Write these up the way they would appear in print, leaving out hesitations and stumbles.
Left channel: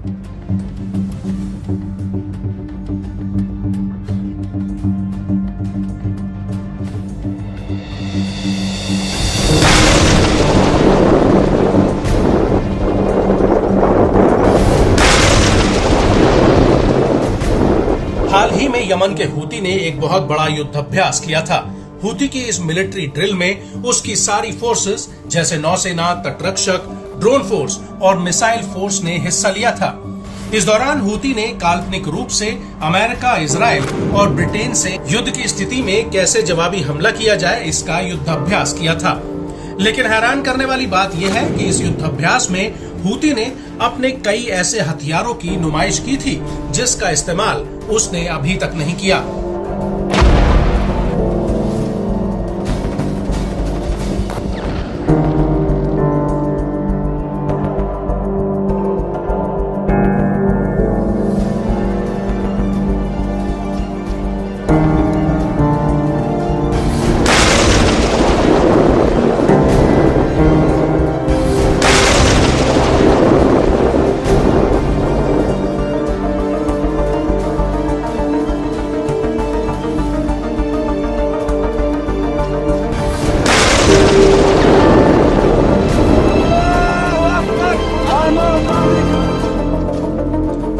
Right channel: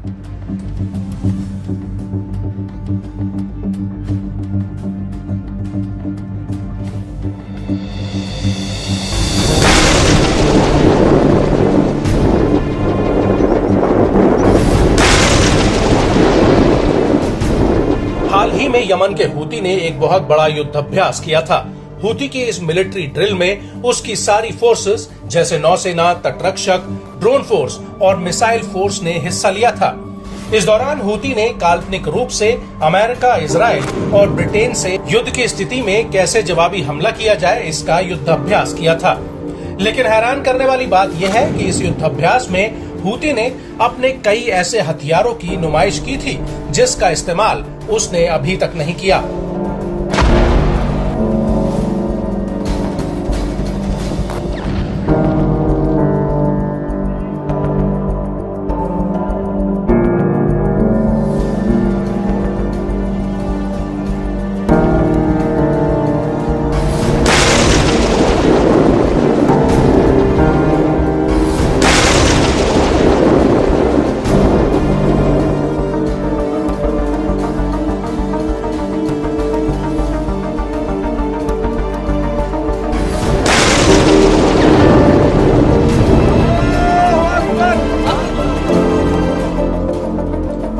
हाल ही में यमन के हूती ने एक बहुत बड़ा युद्धाभ्यास किया था। हूती की इस मिलिट्री ड्रिल में उसकी सारी फोर्सेस जैसे नौसेना, तटरक्षक, ड्रोन फोर्स और मिसाइल फोर्स ने हिस्सा लिया था। इस दौरान हूती ने काल्पनिक रूप से अमेरिका, इजराइल और ब्रिटेन से युद्ध की स्थिति में कैसे जवाबी हमला किया जाए इसका युद्धाभ्यास किया था। लेकिन हैरान करने वाली बात यह है कि इस युद्धाभ्यास में हूती ने अपने कई ऐसे हथियारों की नुमाइश की थी जिसका इस्तेमाल उसने अभी तक नहीं किया।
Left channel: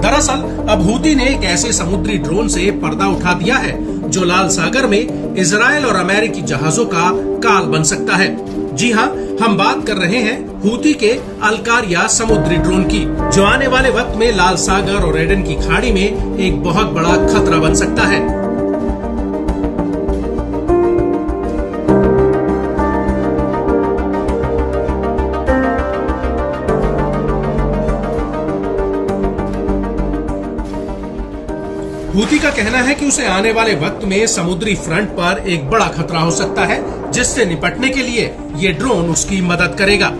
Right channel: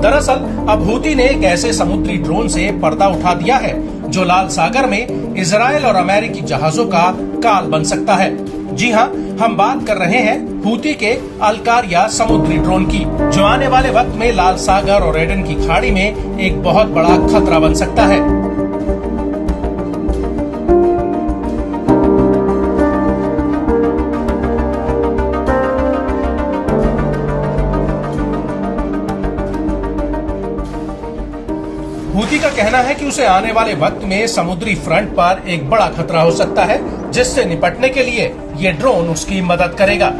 दरअसल अब हूती ने एक ऐसे समुद्री ड्रोन से पर्दा उठा दिया है जो लाल सागर में इजराइल और अमेरिकी जहाजों का काल बन सकता है। जी हाँ, हम बात कर रहे हैं हूती के अलकारिया समुद्री ड्रोन की, जो आने वाले वक्त में लाल सागर और एडन की खाड़ी में एक बहुत बड़ा खतरा बन सकता है। हूती का कहना है कि उसे आने वाले वक्त में समुद्री फ्रंट पर एक बड़ा खतरा हो सकता है, जिससे निपटने के लिए ये ड्रोन उसकी मदद करेगा।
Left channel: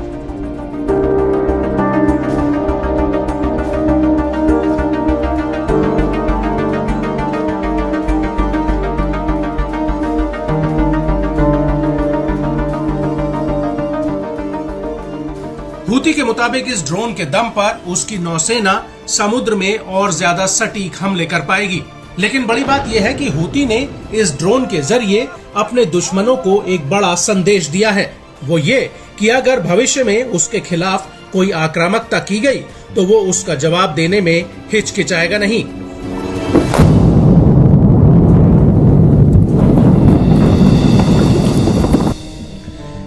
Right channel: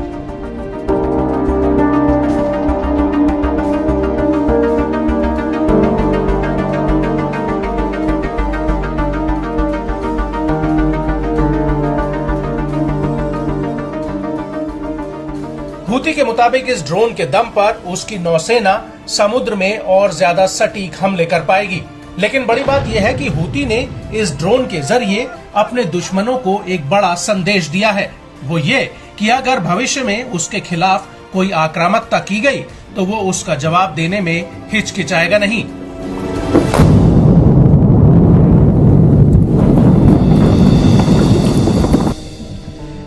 हूती के मुताबिक इस ड्रोन के दम पर उसकी नौसेना समुद्र में और ज्यादा सटीक हमले कर पाएगी। लेकिन बड़ी बात यह है कि हूती ने इस ड्रोन के जरिए अपने दुश्मनों को एक बड़ा संदेश दिया है। वो ये कि अगर भविष्य में उसके खिलाफ कोई आक्रामकता की गई तो वो उसका जवाब देने में हिचकिचाएगा नहीं।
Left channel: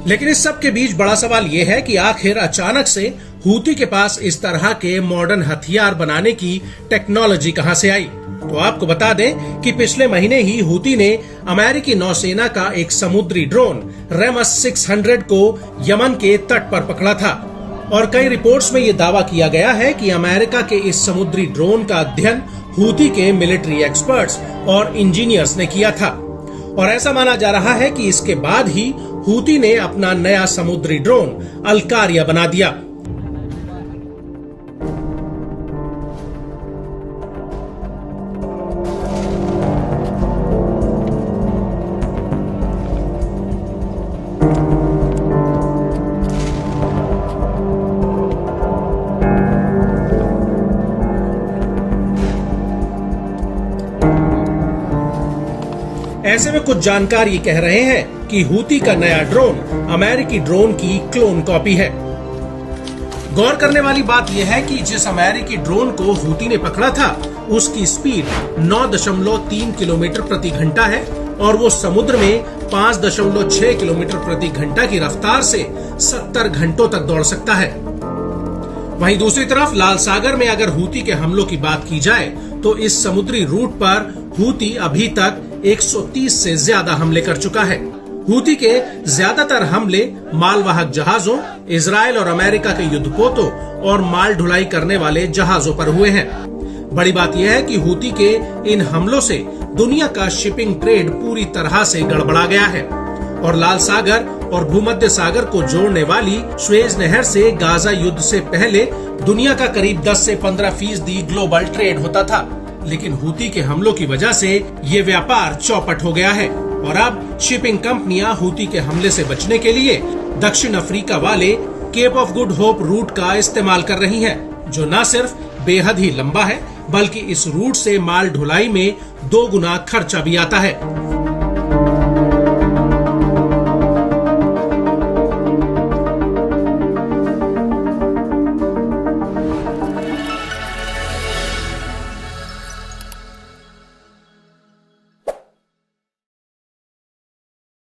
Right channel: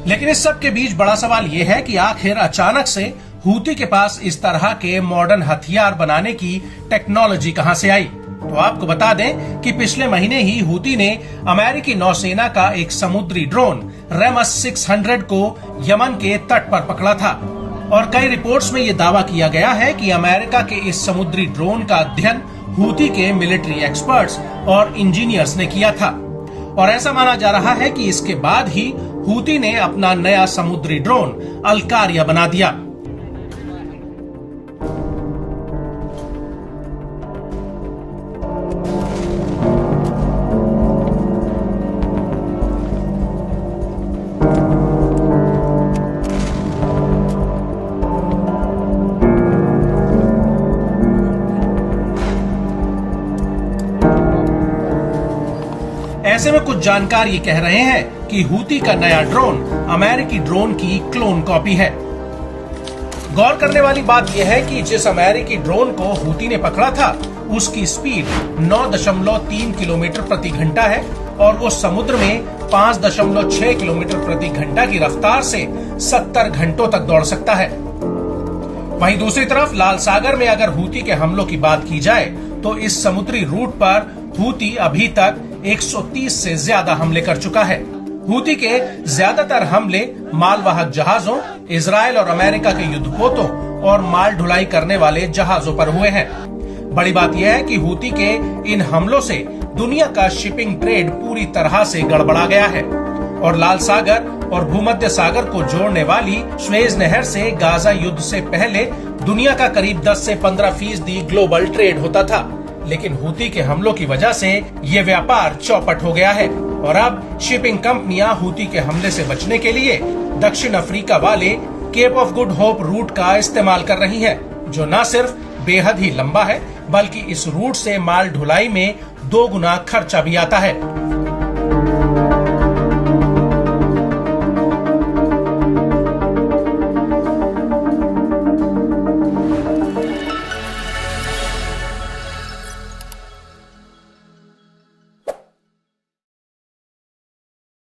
लेकिन इस सब के बीच बड़ा सवाल ये है कि आखिर अचानक से हूती के पास इस तरह के मॉडर्न हथियार बनाने की टेक्नोलॉजी कहां से आई। तो आपको बता दें कि पिछले महीने ही हूती ने अमेरिकी नौसेना का एक समुद्री ड्रोन रेमस 600 को यमन के तट पर पकड़ा था और कई रिपोर्ट्स में ये दावा किया गया है कि अमेरिका के इस समुद्री ड्रोन का अध्ययन हूती के मिलिट्री एक्सपर्ट्स और इंजीनियर्स ने किया था। और ऐसा माना जा रहा है कि इसके बाद ही हूती ने अपना नया समुद्री ड्रोन अलकारिया बना दिया। ऐसे में कुछ जानकार ये कह रहे हैं कि हूती का नया ड्रोन अमेरिकी ड्रोन की क्लोन कॉपी है। गौर करने वाली बात यह है कि जिस अमेरिकी ड्रोन को हूती ने पकड़ा था उसकी स्पीड 9.3 किलोमीटर प्रति घंटा है और वो समुद्र में 5.6 किलोमीटर प्रति घंटा की रफ्तार से 70 घंटों तक दौड़ सकता है। वहीं दूसरी तरफ लाल सागर में अगर हूती के हमलों की बात की जाए तो इस समुद्री रूट पर हूती अभी तक 130 से ज्यादा हमले कर चुका है। हूती के ज्यादातर हमले मालवाहक जहाजों, इजराइल और अमेरिका के युद्धपोतों और माल ढुलाई करने वाले जहाजों पर हुए हैं। बड़ी बात यह है कि हूती के इन हमलों से दुनिया का शिपिंग ट्रेड पूरी तरह से गड़बड़ा गया है और लाल सागर और भूमध्य सागर को जोड़ने वाली स्वेज नहर से गाजा युद्ध से पहले दुनिया का करीब 10 से 15% ग्लोबल ट्रेड होता था। लेकिन हूती के हमलों की वजह से ये व्यापार चौपट हो गया है और अब शिपिंग कंपनियां हूती के हमले से बचने के लिए दक्षिण अफ्रीका वाले Cape of Good Hope route का इस्तेमाल कर रही हैं, जो न सिर्फ बेहद ही लंबा है बल्कि इस रूट से माल ढुलाई में 2 गुना खर्चा भी आता है।